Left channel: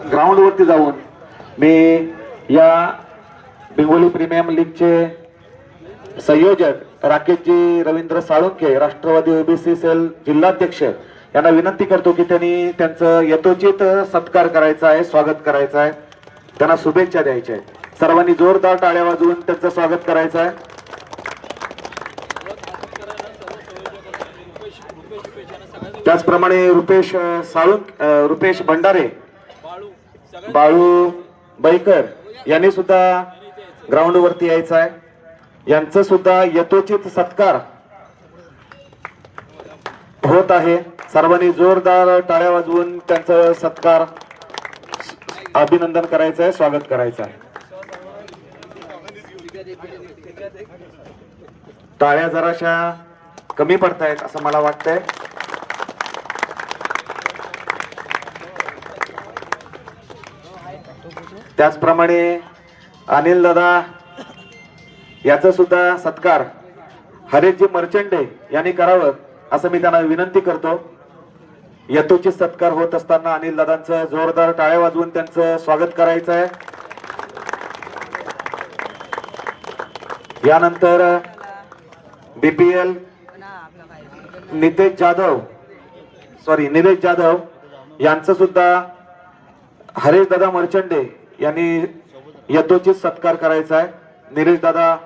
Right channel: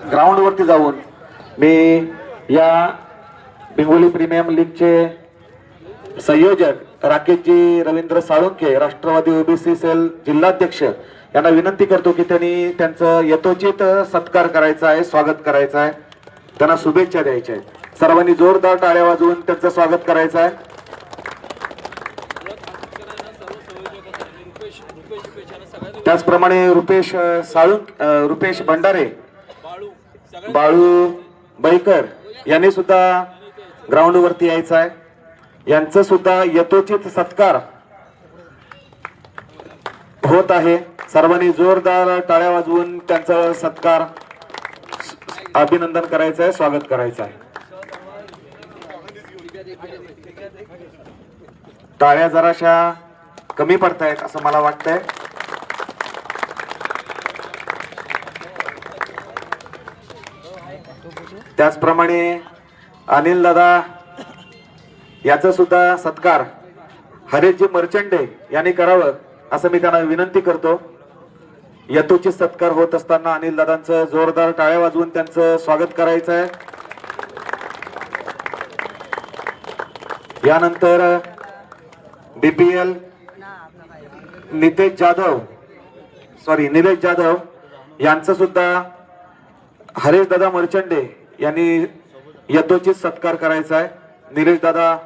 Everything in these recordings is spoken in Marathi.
ग्राउंड वरती जाऊन मी या बिंगोली प्रीमियम लीगचे संयोजक राकेशजी रवींद्र साळुंखे, राष्ट्रवादी ओबीसी सेल जिल्हाध्यक्ष यांना विनंती करतो की त्यांनी त्यांचं यथोचित सत्कार करायचा आहे, स्वागत करायचं आहे, त्यांना शुभेच्छा द्यायच्या आहेत. सर्वांनी जोरदार टाळ्या वाजवून त्यांचं स्वागत करायचं आहे. त्याचप्रमाणे रुपेश भंडारे, बाळू बैकर यांनी सुद्धा ग्राउंड वरती यायचं आहे. यांचं सुद्धा यथोचित सत्कार होत आहे. सर्वांनी जोरदार टाळ्या वाजवून त्यांचा सत्कार अभिनंदन करायचं आहे, स्वागत करायचं आहे. टाळ्या जराशा कमी पडतायत असं मला वाटतंय. त्याचप्रमाणे अनिल दादा याचा सुद्धा सत्कार हरेशजी मर्चंडे यांनी करावं असं मी त्यांना विनंती करतो. यथोचित सत्कार होत असताना अनिल दादांचं जोरदार टाळ्या वाजवून त्यांचं स्वागत करायचं आहे. यानंतर बीपीएल निलेश जाधव यांचं सुद्धा हरेश दादा मर्चंडे यांनी यथोचित सत्कार करायचा आहे. निलेश दादा,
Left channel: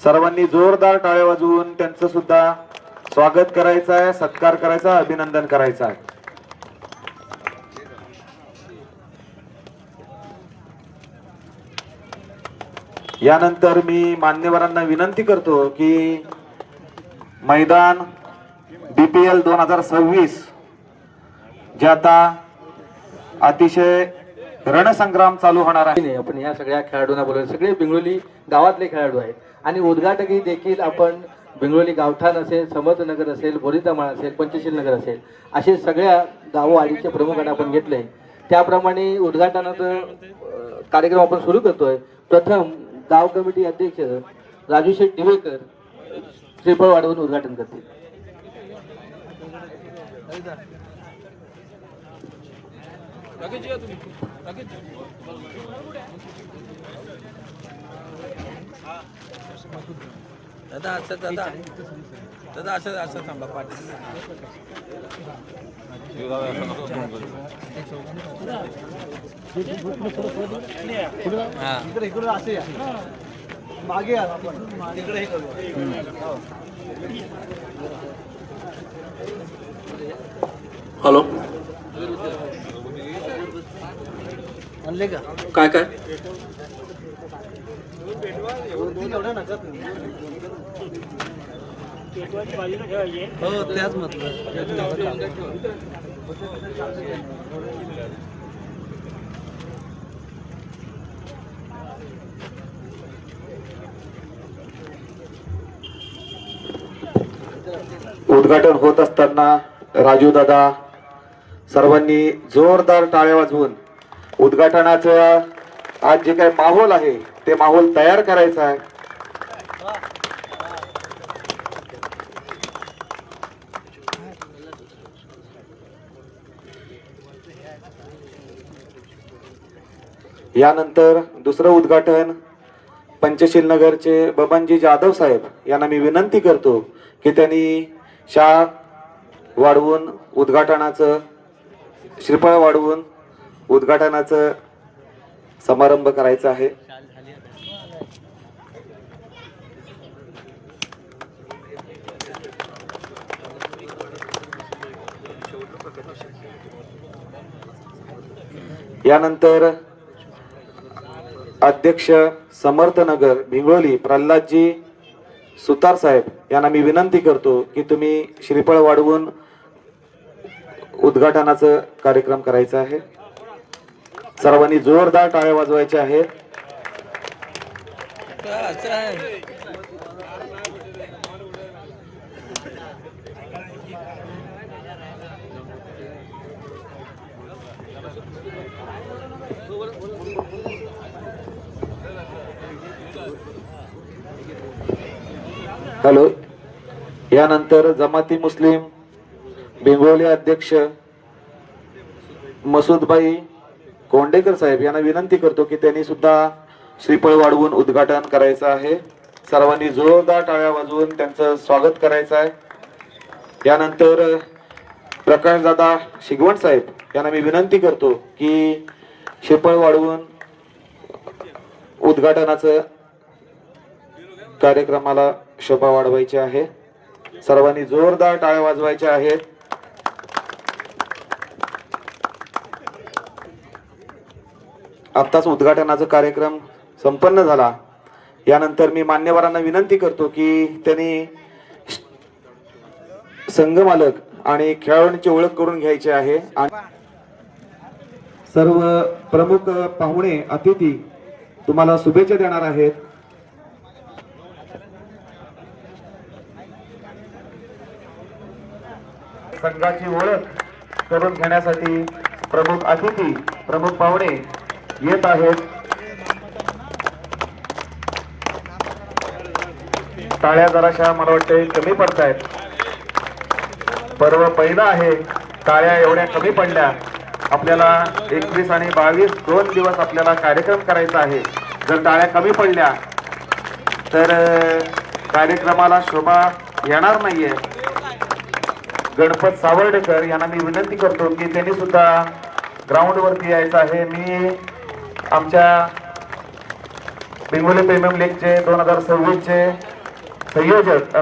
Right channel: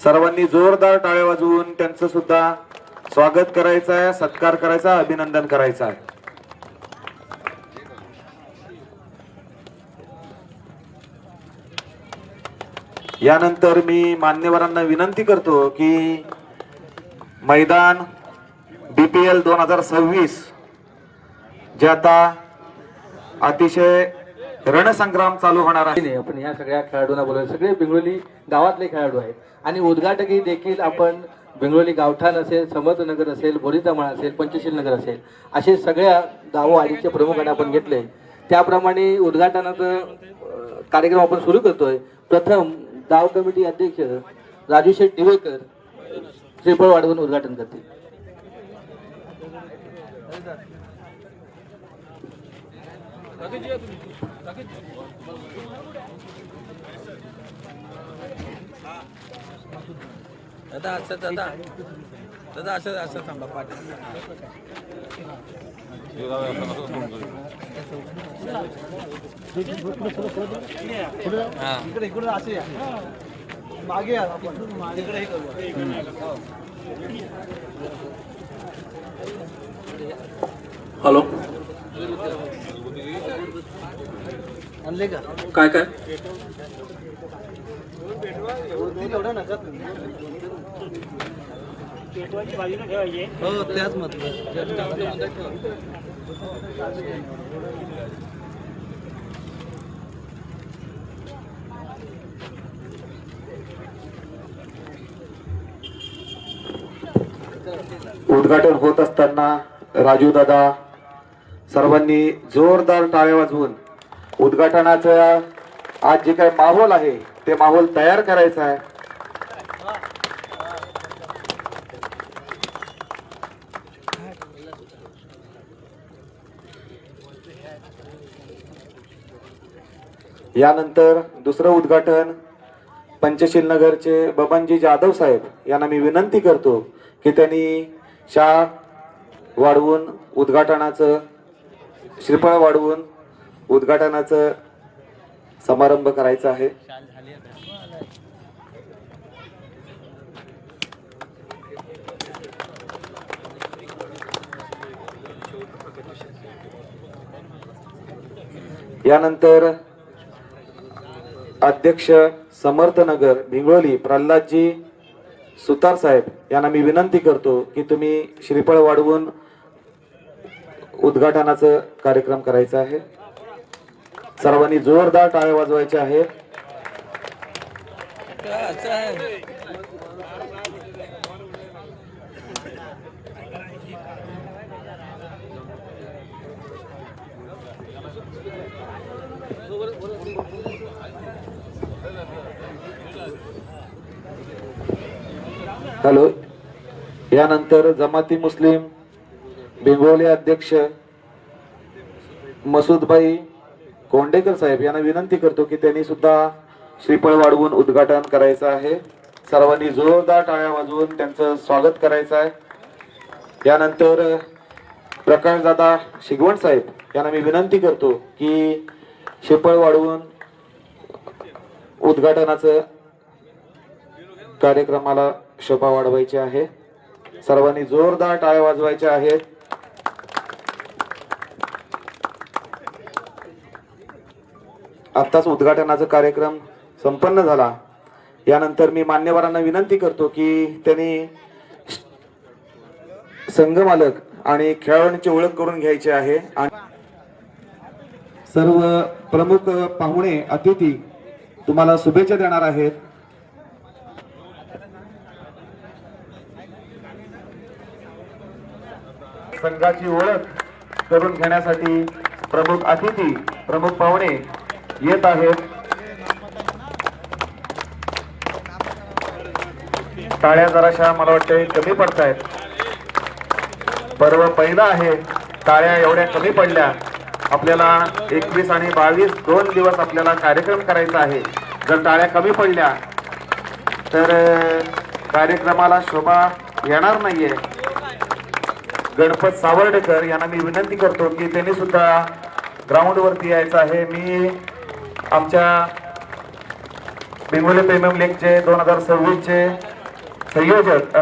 सर्वांनी जोरदार टाळ्या वाजवून त्यांचं सुद्धा स्वागत करायचं आहे, सत्कार करायचा आहे, अभिनंदन करायचं आहे. यानंतर मी मान्यवरांना विनंती करतो की मैदान बीपीएल 2026 जे आता अतिशय रणसंग्राम चालू होणार आहे. आपण या सगळ्या खेळाडूंना बोलवलं. सगळे बिंगोली गावातले खेळाडू आहेत आणि उद्घाटकी देखील आपण बिंगोली गावठाण असेल, समर्थनगर असेल, बोरीतामाळ असेल, पंचशील नगर असेल, असे सगळ्या गाववाडीचे प्रमुखांना आपण घेतले. त्याप्रमाणे उद्घाटनाचा कार्यक्रम आपण सुरू करतोय. प्रथम गाव कमिटी अध्यक्ष राजेश दिवेकर श्रीफळ वाढवून उद्घाटन करतील. दादा असं थांबा पाठ. मागे आपण इकडे हॅलो, आणले का काय काय एवढा नका हो त्याच म्हटलं. उद्घाटन होत असताना राजू दादा, सर्वांनी जोरदार टाळ्या वाजवून उद्घाटनाचा आज जे काही माहोल आहे ते माहोल तयार करायचा आहे. यानंतर दुसरं उद्घाटन पंचशील नगरचे बबनजी जाधव साहेब यांना मी विनंती करतो की त्यांनी शाळा वाढवून उद्घाटनाचं श्रीफळ वाढवून उद्घाटनाचं समारंभ करायचा आहे. यानंतर अध्यक्ष समर्थनगर भिंगोली प्रल्हादजी सुतार साहेब यांना मी विनंती करतो की तुम्ही श्रीफळ वाढवून उद्घाटनाचा कार्यक्रम करायचा आहे. सर्वांनी जोरदार टाळ्या वाजवायच्या आहेत. हॅलो, यानंतर जमाती मुस्लिम बिंगोली अध्यक्ष मसूदबाई कोंडेकर साहेब यांना विनंती करतो की त्यांनी सुद्धा श्रीफळ वाढवून उद्घाटन करायचं आहे. सर्वांनी जोरदार टाळ्या वाजवून त्यांचं स्वागत करायचं आहे. यानंतर प्रकाशदादा शिगवण साहेब यांना मी विनंती करतो की श्रीफळ वाढवून उद्घाटनाचं कार्यक्रमाला शोभा वाढवायची आहे. सर्वांनी जोरदार टाळ्या वाजवायच्या आहेत. आत्ताच उद्घाटनाचा कार्यक्रम संपन्न झाला. यानंतर मी मान्यवरांना विनंती करतो की त्यांनी संघ मालक आणि खेळाडूंची ओळख करून घ्यायची आहे. सर्व प्रमुख पाहुणे अतिथी तुम्हाला शुभेच्छा देणार आहेत. संघाची ओळख करून घेण्यासाठी प्रमुख अतिथी प्रमुख पाहुणे येत आहेत. टाळ्या जराशा मला वाटते कमी पडत आहेत. पर्व पहिला आहे. टाळ्या एवढ्या कमी पडल्या. आपल्याला 21 आणि 22 2 दिवस आपल्याला कार्यक्रम करायचा आहे. जर टाळ्या कमी पडल्या तर कार्यक्रमाला शोभा येणार नाहीये. गणपत सावर्डेकर यांना मी विनंती करतो की त्यांनी सुद्धा ग्राउंड वरती यायचं आहे. मी आमच्या बेंगोली प्रीमियम लीगचे 2026 चे संयोजक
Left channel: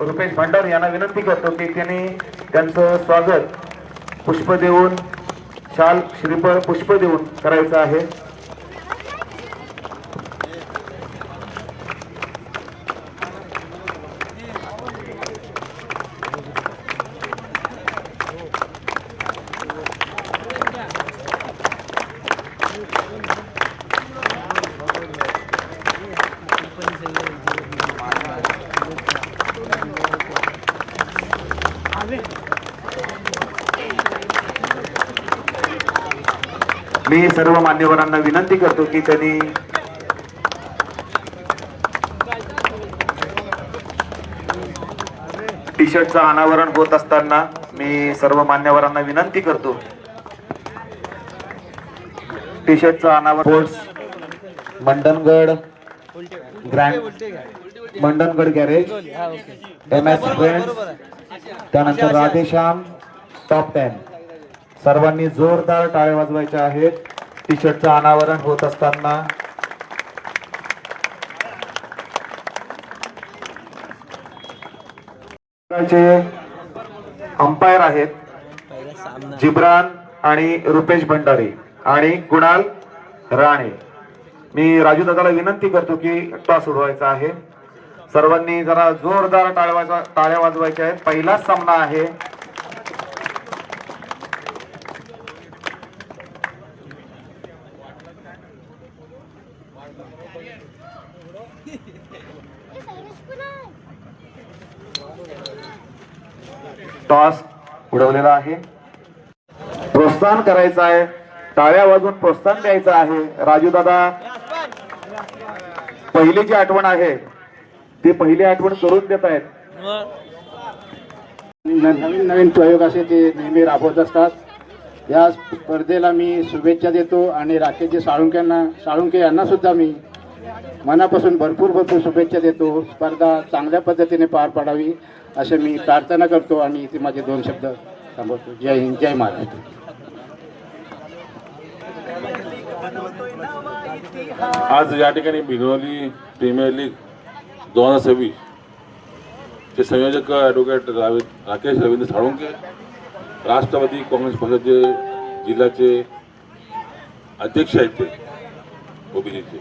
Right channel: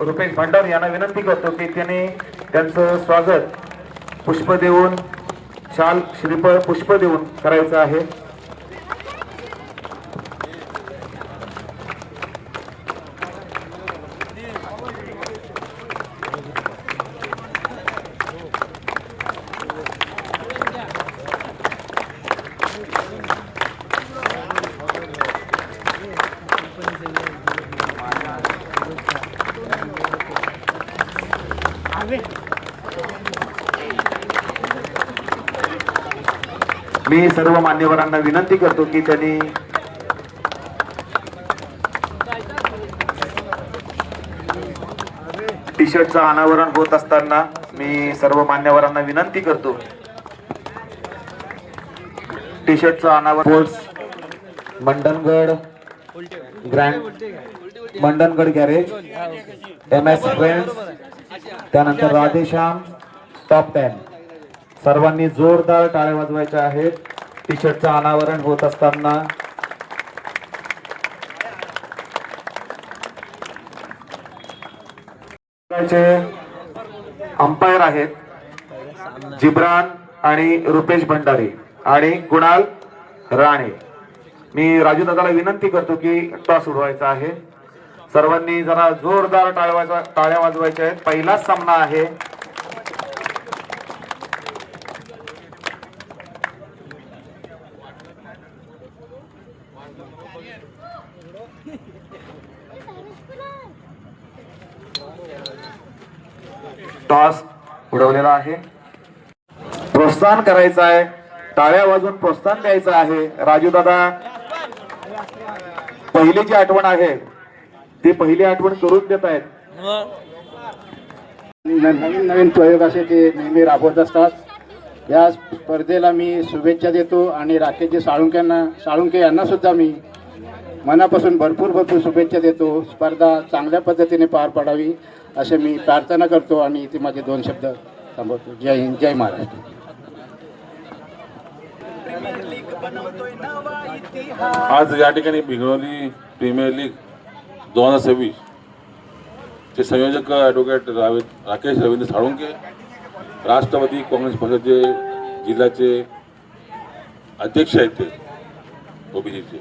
रुपेश भंडार यांना विनंती करतो की त्यांनी त्यांचं स्वागत पुष्प देऊन शाल श्रीफळ पुष्प देऊन करायचं आहे. मी सर्व मान्यवरांना विनंती करतो की त्यांनी टी शर्टचं अनावरण होत असताना मी सर्व मान्यवरांना विनंती करतो टी शर्टचं अनावरण मंडनगड गॅरेज MS फ्रेंड्स त्यानंतर राधेश्याम टॉप 10 सर्वांनी जोरदार टाळ्या वाजवायच्या आहेत. टी शर्टचं अनावरण होत असताना अंपायर आहेत जिब्रान आणि रुपेश भंडारी आणि कुणाल राणे. मी राजू दादाला विनंती करतो की टॉस उडवायचा आहे. सर्वांनी जरा जोरदार टाळ्या वाजवायच्या आहेत. पहिलाच सामना आहे. टॉस उडवलेला आहे. प्रोत्साहन करायचं आहे. टाळ्या वाजवून प्रोत्साहन द्यायचं आहे. राजू दादा पहिली जी आठवण आहे ती पहिली आठवण करून देत आहेत. नवीन नवीन प्रयोग असे ते नेहमी राबवत असतात. या स्पर्धेला मी शुभेच्छा देतो आणि राकेशजी साळुंके यांना सुद्धा मी मनापासून भरपूर शुभेच्छा देतो. स्पर्धा चांगल्या पद्धतीने पार पडावी असं मी प्रार्थना करतो आणि इथे माझे 2 शब्द थांबवतो. जय हिंद, जय महाराष्ट्र. आज या ठिकाणी भिगवली प्रीमियर लीग 2026 चे संयोजक ॲडव्होकेट राकेश रवींद्र साळुंके, राष्ट्रवादी काँग्रेस पक्षाचे जिल्ह्याचे अध्यक्ष आहेत ते ओबीसीचे,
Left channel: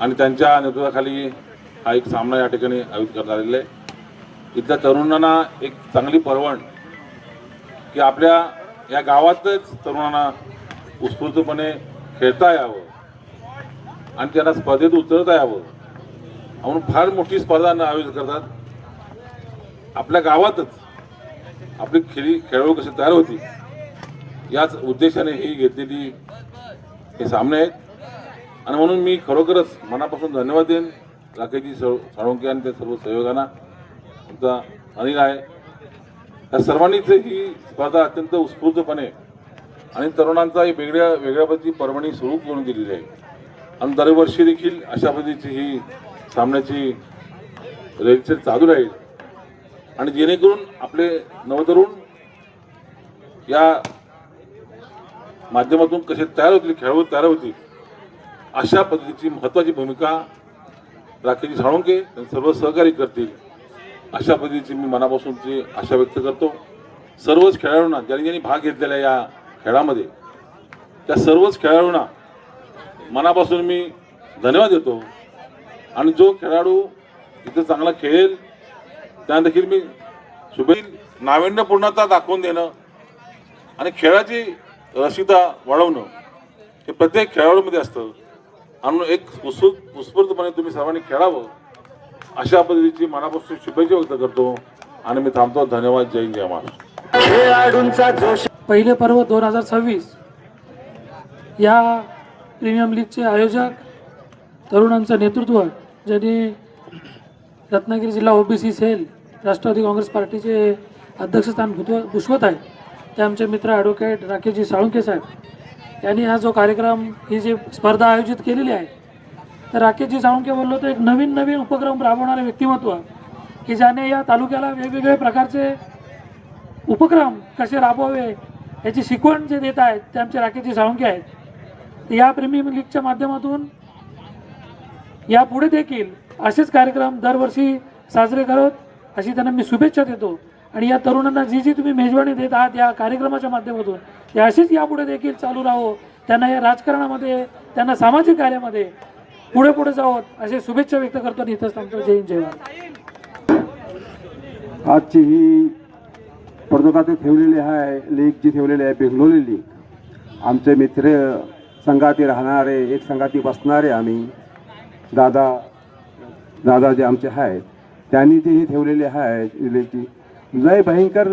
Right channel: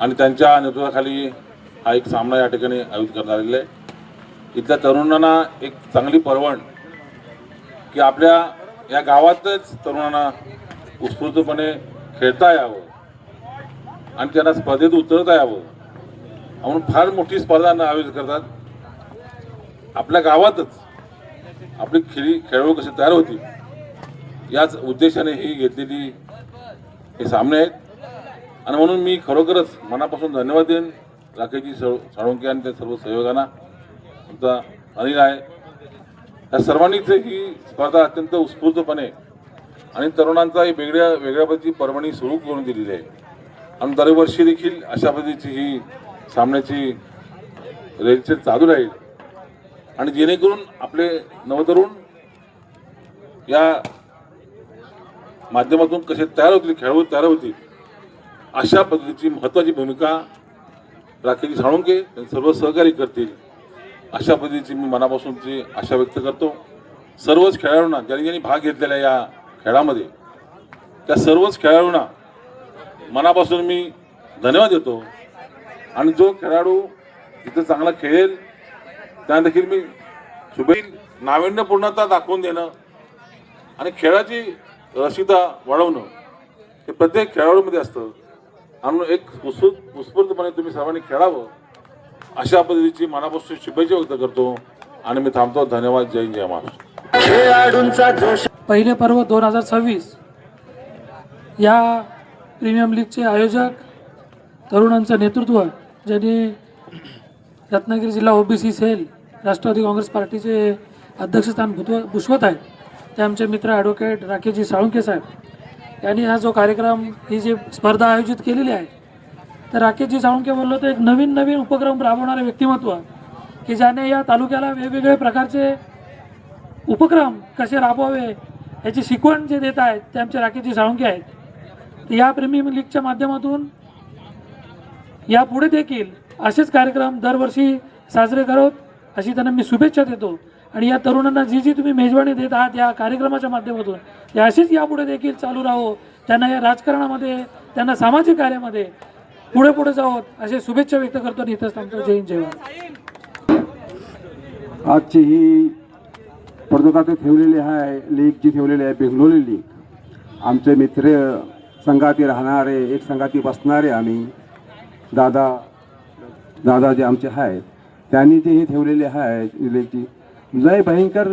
आणि त्यांच्या नेतृत्वाखाली हा एक सामना या ठिकाणी आयोजित करण्यात आलेला आहे. इथल्या तरुणांना एक चांगली पर्वण की आपल्या या गावातच तरुणांना उत्स्फूर्तपणे खेळता यावं आणि त्यांना स्पर्धेत उतरता यावं म्हणून फार मोठी स्पर्धा आयोजित करतात. आपल्या गावातच आपली खेळाडू कसे तयार होतील याच उद्देशाने ही घेतलेली हे सामने आहेत. आणि म्हणून मी खरोखरच मनापासून धन्यवाद देईन राकेशजी साळुंके आणि त्या सर्व सहयोगांना. आमचा अनिल आहे, या सर्वांनीच ही स्पर्धा अत्यंत उत्स्फूर्तपणे आणि तरुणांचा ही वेगळ्या वेगळ्या पद्धतीची पर्वणी सुरू करून दिलेली आहे आणि दरवर्षी देखील अशा पद्धतीची ही सामन्याची रेलचेल चालू राहील आणि जेणेकरून आपले नवतरुण या माध्यमातून कसे तयार होतील, खेळाडू तयार होतील, अशा पद्धतीची महत्त्वाची भूमिका राकेश साळुंके सर्व सहकारी करतील, अशा पद्धतीची मी मनापासूनची आशा व्यक्त करतो. सर्वच खेळाडूंना ज्यांनी ज्यांनी भाग घेतलेला या खेळामध्ये त्या सर्वच खेळाडूंना मनापासून मी धन्यवाद देतो आणि जो खेळाडू इथं चांगला खेळेल त्यांना देखील मी शुभेच्छा. नाविन्यपूर्णता दाखवून देणं आणि खेळाची रसिकता वाढवणं हे प्रत्येक खेळाडूमध्ये असतं आणि एक उत्स्फूर्तपणे तुम्ही सर्वांनी खेळावं अशा पद्धतीची मनापासून शुभेच्छा व्यक्त करतो आणि मी थांबतो. धन्यवाद. जय हिंद, जय महाराष्ट्र. पहिले पर्व 2026 या प्रीमियम लीगचे आयोजक तरुणांचं नेतृत्व ज्यांनी रत्नागिरी जिल्हा ओबीसी सेल राष्ट्रवादी काँग्रेस पार्टीचे अध्यक्षस्थान भूषवत आहेत ते आमचे मित्र ॲडव्होकेट राकेशजी साळुंके साहेब यांनी हा जो कार्यक्रम ही जी स्पर्धा आयोजित केलेली आहे तर राकेशजी साळुंके बोललो तर एक नवीन उपक्रम राबवणारे व्यक्तिमत्व की ज्याने या तालुक्याला वेगवेगळे प्रकारचे उपक्रम कसे राबवावे याची शिकवण जे देत आहेत ते आमचे राकेशजी साळुंके आहेत. या प्रीमियम लीगच्या माध्यमातून यापुढे देखील असेच कार्यक्रम दरवर्षी साजरे करत अशी त्यांना मी शुभेच्छा देतो आणि या तरुणांना जी तुम्ही मेजवानी देत आहात या कार्यक्रमाच्या माध्यमातून ते अशीच यापुढे देखील चालू राहो. त्यांना या राजकारणामध्ये त्यांना सामाजिक कार्यामध्ये पुढे जावं असे शुभेच्छा व्यक्त करतो आणि इथंच थांबतो. जय हिंद, जय महाराष्ट्र. आजची ही स्पर्धकात ठेवलेली आहे लीग जी ठेवलेली आहे बेंगलोली लीग. आमचे मित्र संघाती राहणारे एक संघाती बसणारे आम्ही दादा जे आमचे आहेत त्यांनी जी ही ठेवलेली आहे लीगची लय भयंकर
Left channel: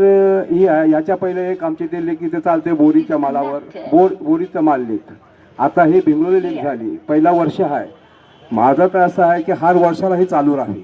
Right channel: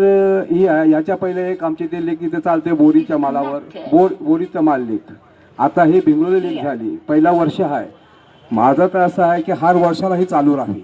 ही आहे. याच्या पहिले एक आमची ते लीग इथे चालते बोरीच्या मालावर बोरीचं माल लीग. आता ही बेंगलोली लीग झाली. पहिला वर्ष आहे. माझं तर असं आहे की हर वर्षाला ही चालू राहील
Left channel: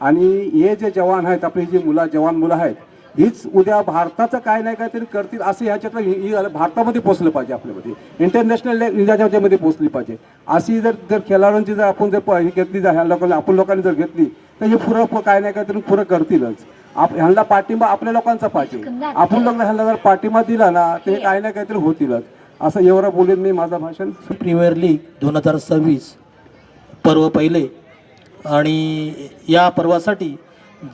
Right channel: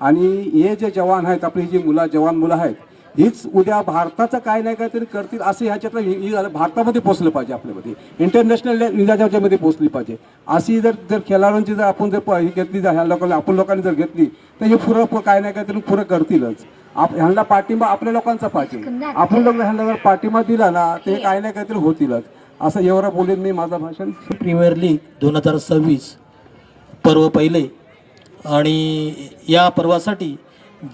आणि हे जे जवान आहेत आपली जी जवान मुलं आहेत हीच उद्या भारताचं काय नाही काहीतरी करतील असं ह्याच्यातलं भारतामध्ये पोचलं पाहिजे. आपल्यामध्ये इंटरनॅशनल इंडियाच्यामध्ये पोचली पाहिजे. अशी जर खेळाडूंची जर आपण जर ही घेतली ह्या लोकांनी जर घेतली तर हे पुरं काय नाही काहीतरी पुरं करतीलच. ह्यांना पाठिंबा आपल्या लोकांचा पाहिजे. आपण लोक ह्यांना जर पाठिंबा दिला ना तर हे काय नाही काहीतरी होतीलच. असं एवढं बोलून मी माझं भाषण. प्रीमियर लीग 2026 पर्व पहिले आणि या पर्वासाठी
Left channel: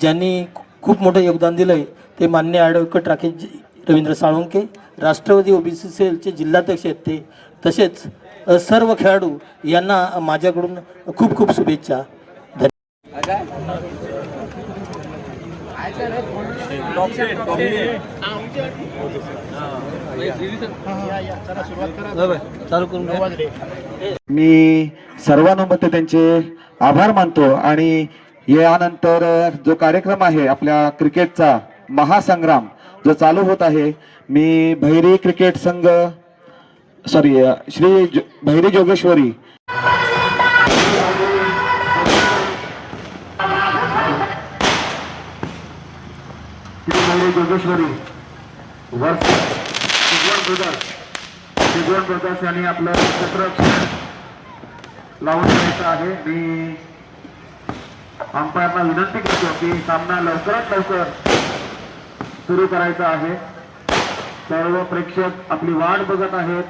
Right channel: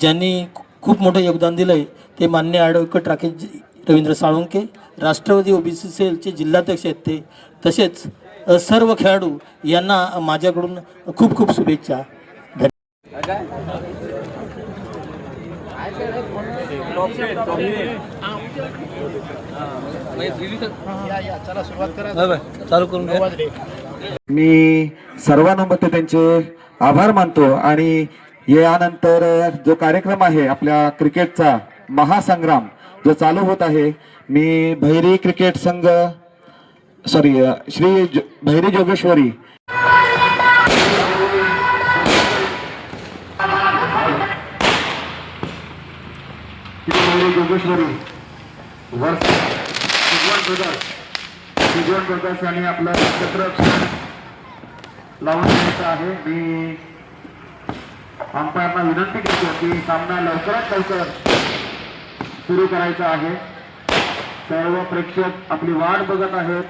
ज्यांनी खूप मोठं योगदान दिलं आहे ते मान्य ॲडव्होकेट राकेश रवींद्र साळुंके राष्ट्रवादी ओबीसी सेलचे जिल्हाध्यक्ष आहेत ते तसेच सर्व खेळाडू यांना माझ्याकडून खूप खूप शुभेच्छा. मी सर्वानुमते त्यांचे आभार मानतो आणि यानंतर जो कार्यक्रम आहे आपल्या क्रिकेटचा महासंग्राम जो चालू होत आहे मी भैरी क्रिकेट संघ श्री भैरी जोगेश्वरी ब्रदर्स यांनी आपलं चित्र लावून द्यायचं आहे. मी अंपायरना विनंती करतो की सामना लवकरात लवकर सुरू करायचा आहे. सर्व प्रेक्षक आपली वाट बघत आहेत.